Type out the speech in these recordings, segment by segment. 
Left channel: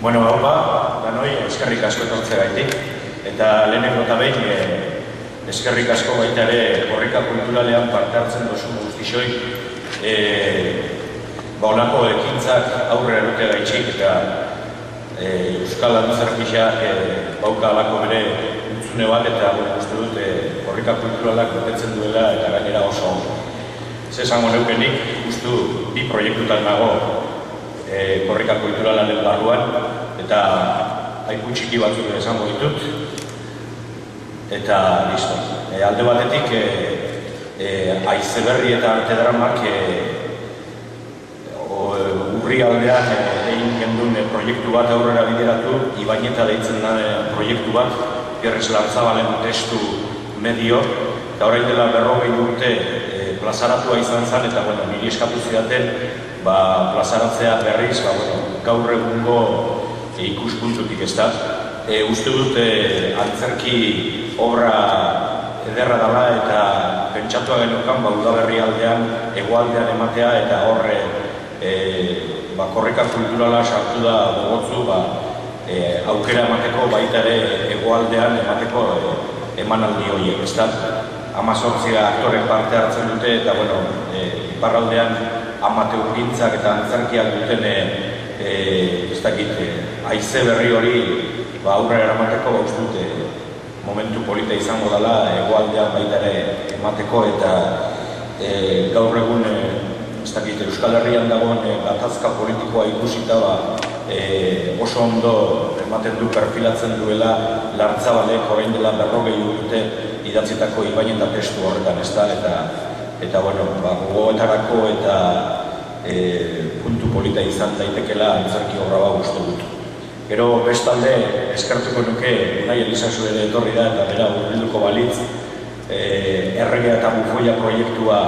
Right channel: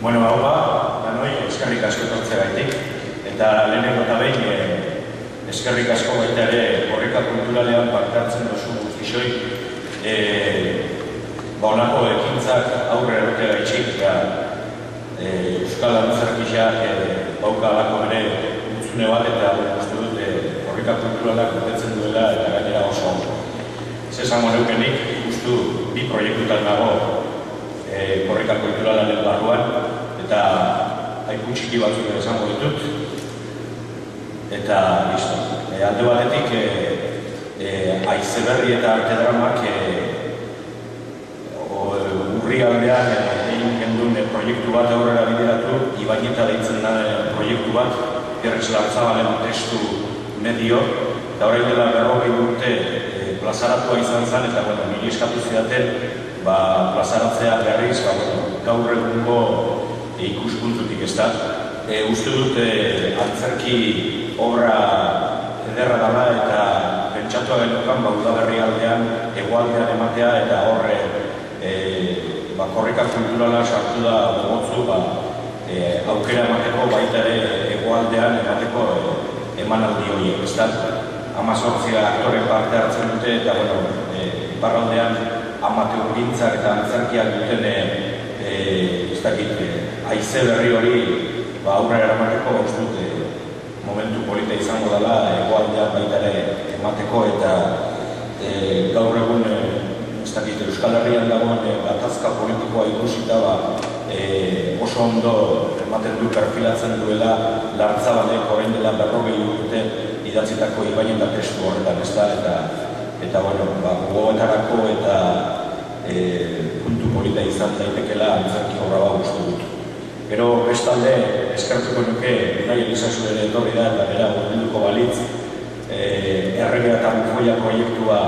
Bueno, danoi, eskerrik asko etortzeagatik, eta lehenengo eta behin eskerrik asko baita ere korrika kulturalean parte hartzen duzu guztixoi, honako ekintzak aurre erote gaitxik eta Euskal Antzerkiak bauka alako bere utzune bat eta uste dut korrika kulturalak betetzen duela eta gainera oso zesango neukenik ustu bi proiektutan nago korrika kulturalaren barruan eta aipu txiki batzuk esango ditut eta listo. Alde batetik Aizeberri eta Artedramak urri aldean egin gendun proiektu bat aurrera bideratu, Ibaineta deitzen da proiektu bat, Gerres Lartzabalen testu medio, eta orain dela 40 urte plazaratua izan zen, eta niri eskatu zidaten plazaratzea berriz, gaur egungo ikuspuntutik ez da. Uste dut antzerki obra ederra dela eta pentsatua genukan Udaberri aldean, hegoaldean ematea eta horre korrika kulturala sartu da gogotzu aukera emateko baita ere hegoaldean emateko emanaldi horiek, ez da. 18 aktoren parte hartzen dute eta iparraldean amateurgintzak eta antzerkiak duten Aizeberri hori aurrera eramateko uste dute momentu polita izango dela hegoaldean baita ere emateko eta gaur egun Euskal Herrian dagoen gatazka politikoa ikusita oso ondo ematen du perfilatzen duela Lartzabalek orain dela 40 urte idatzitako Ibaineta testu horretan ez da eta gogoetarako eta puntu polita izan daitekela antzerki obra bat uste dut. Gero bestalde eskertuko nuke Unai Elizazu ere etorri da eta bera hurbilduko balitz Erregea eta Bufoia proiektua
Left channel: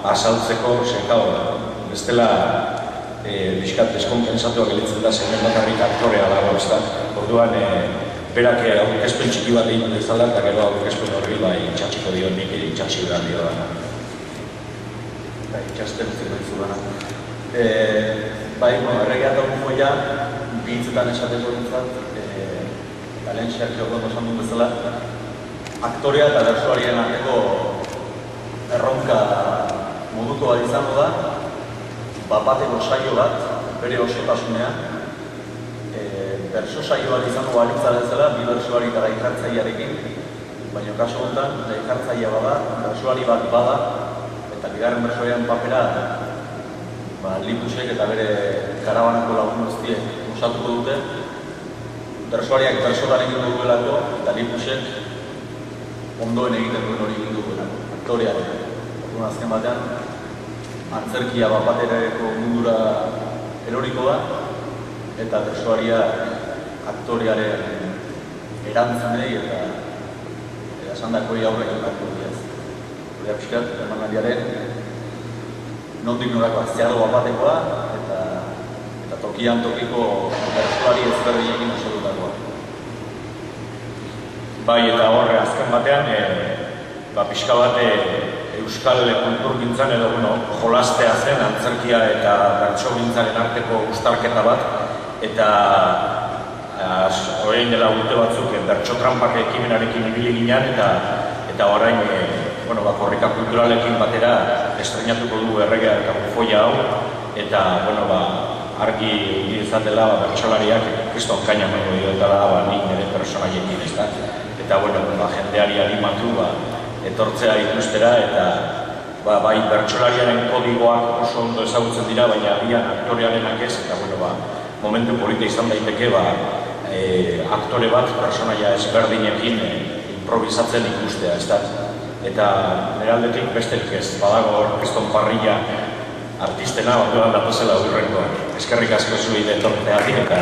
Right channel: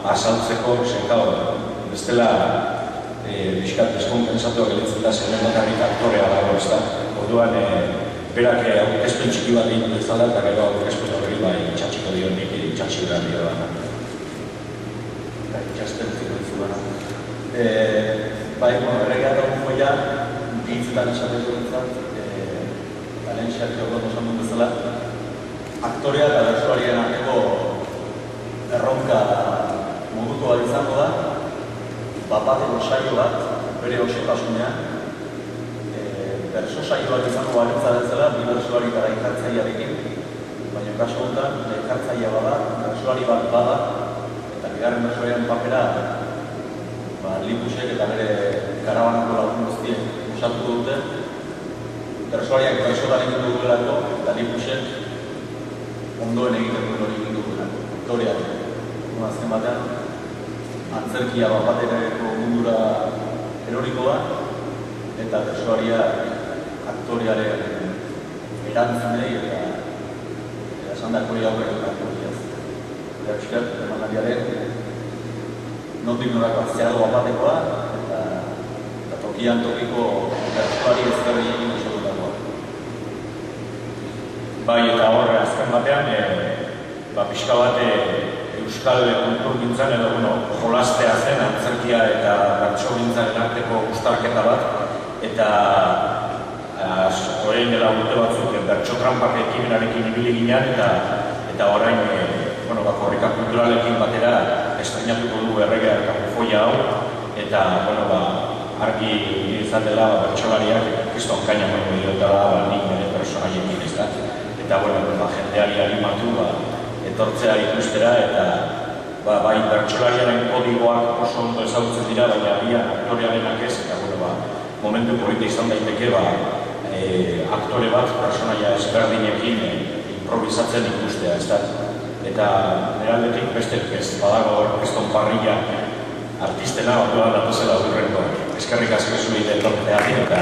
azaltzeko, bestela bizkat deskonpensatua gelitzen da zegoen bakarrik aktorea dago ez da. Orduan, berak aurkezpen txiki bat egin dezala eta gero aurkezpen horri itxatxiko dio nik itxatxi behar dio dana. Itxasten ziko dizu dana. Erregea eta Bufoia hitzetan esaten duentzat, lehen xertxo bat osan dut bezala, aktorea eta bertsolarien arteko erronka moduko bat izango da, bateko saio bat, bere osotasunean, bertso saio bat izango balitza bezala, bi bertsolari eta gaitartzailearekin, baina kasu honetan, gaitartzailea bada, bertsolari bat bada, eta bigarren bertsolariaren papera, Lipusek eta bere karabanako lagun guztiek osatuko dute, bertsolariak bertsolan egin duelako eta Lipusek ondoen egiten duen hori egin duelako, aktorearen. Azken batean, antzerkia baterako mundura eroriko da eta bertsolaria aktorearen erantzunei eta esandako hori aurre egin dugu. Gure pixkat, emanaldiaren nondik norako aziago batekoa eta tokian tokiko bertsolari ezberdinekin osatutakoa. Eta horre azken batean, pixka bat Euskal kulturgintzan edo jolastea zen antzerkia eta bertsogintzaren arteko uztarketa bat eta orain dela urte batzuk bertso-trampak ekimenarekin ibili ginen eta orain korrika kulturalekin batera estrenatuko du Erregea eta Bufoia hau eta argi izan dela bertsolariak kriston kaina baino diotara nik nire personaiekin ez da eta jendeari animatu etortzea ikustera eta bai bertsolariaren kodigoak oso ondo ezagutzen dira baina agian aktorearenak ez eta momentu polita izan daiteke aktore bat personaia ezberdinekin improvisatzen ikustea ez da eta nire aldetik besterik ez badago kriston parrilla artistena orduan datuzela urrenkoak. Eskerrik asko zuen etortzeatik eta